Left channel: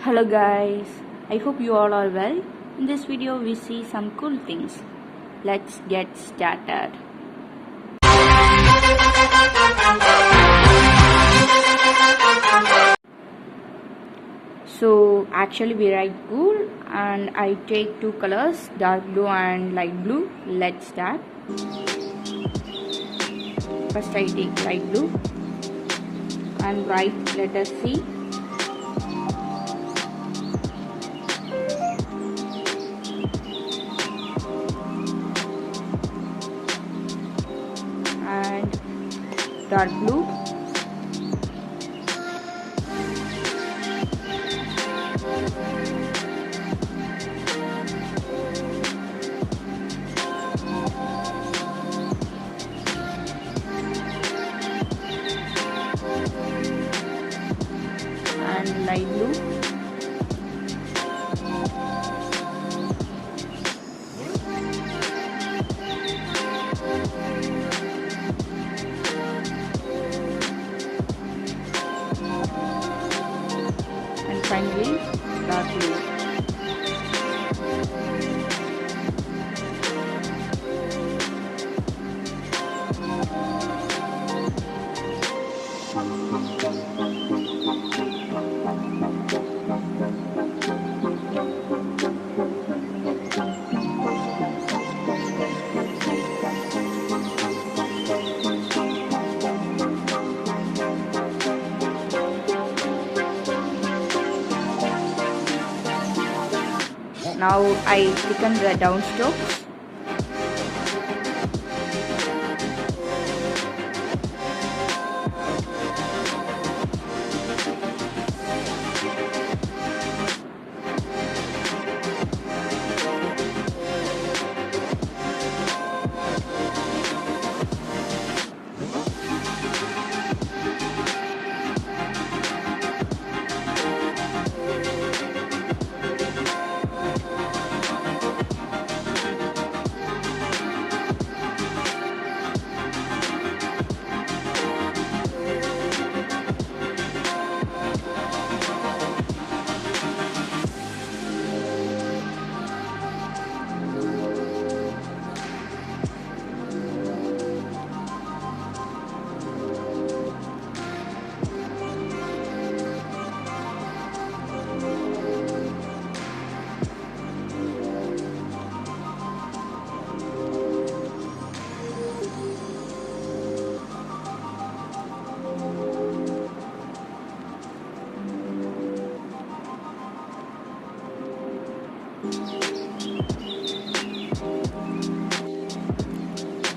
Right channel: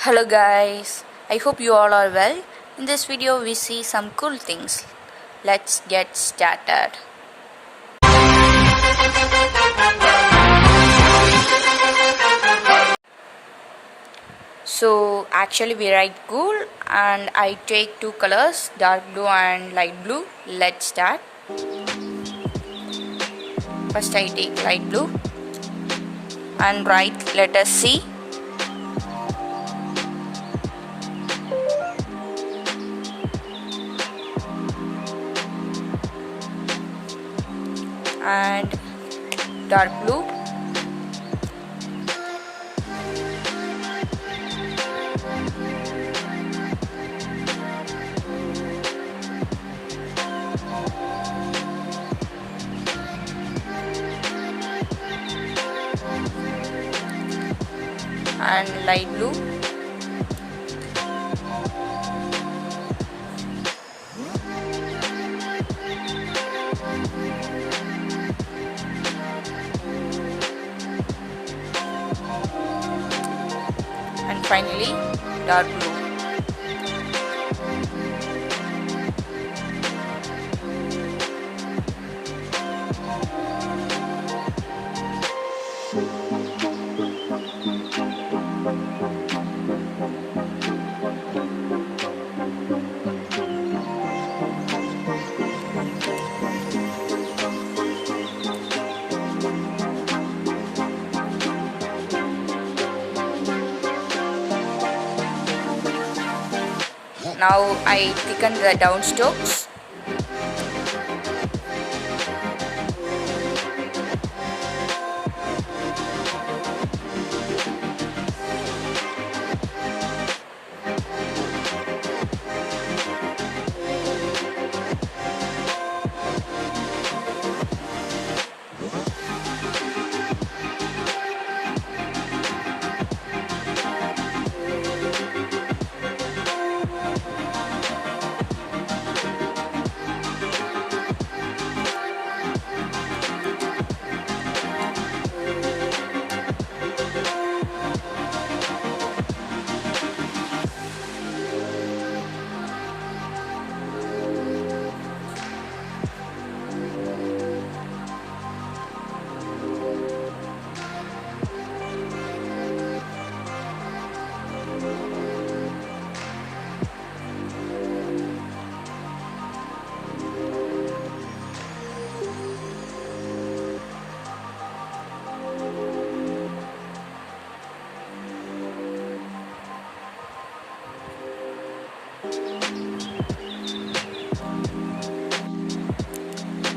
Hello guys, I hope you all are well. In this video we see some cool things. Let's get started. So actually we write cool and I take two colors, dark blue and light blue. Let's start. First I take light blue and write letter C. And dark blue and light blue and finally dark blue. Now I thicken the down strokes.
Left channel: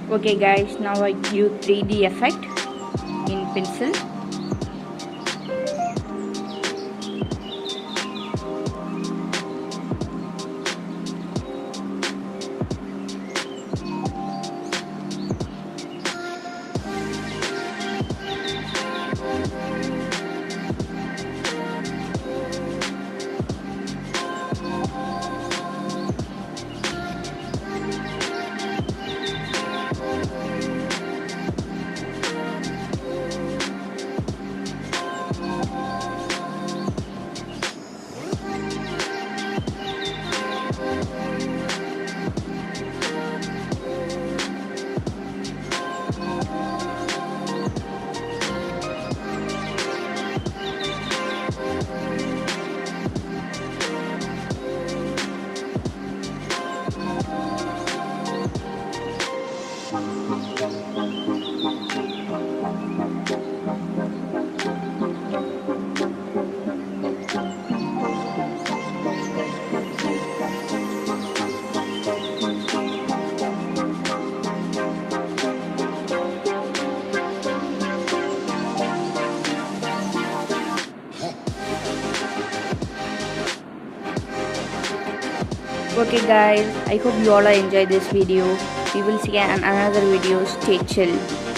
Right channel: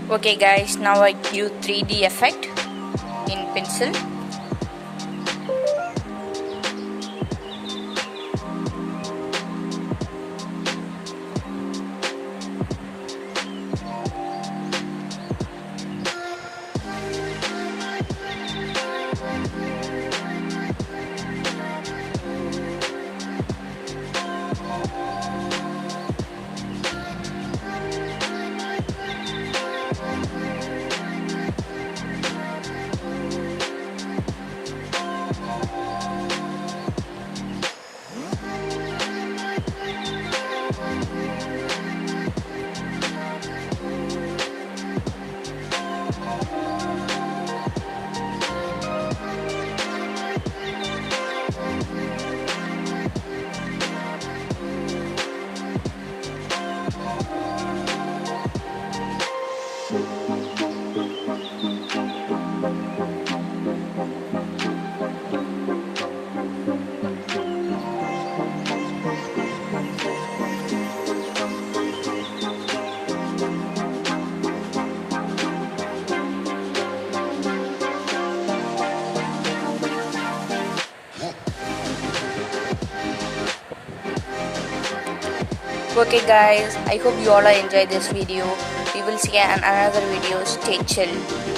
Okay guys, now I give 3D effect in pencil. Okay guys, I hope you all enjoy this video. We will see you in another video. Stay chill.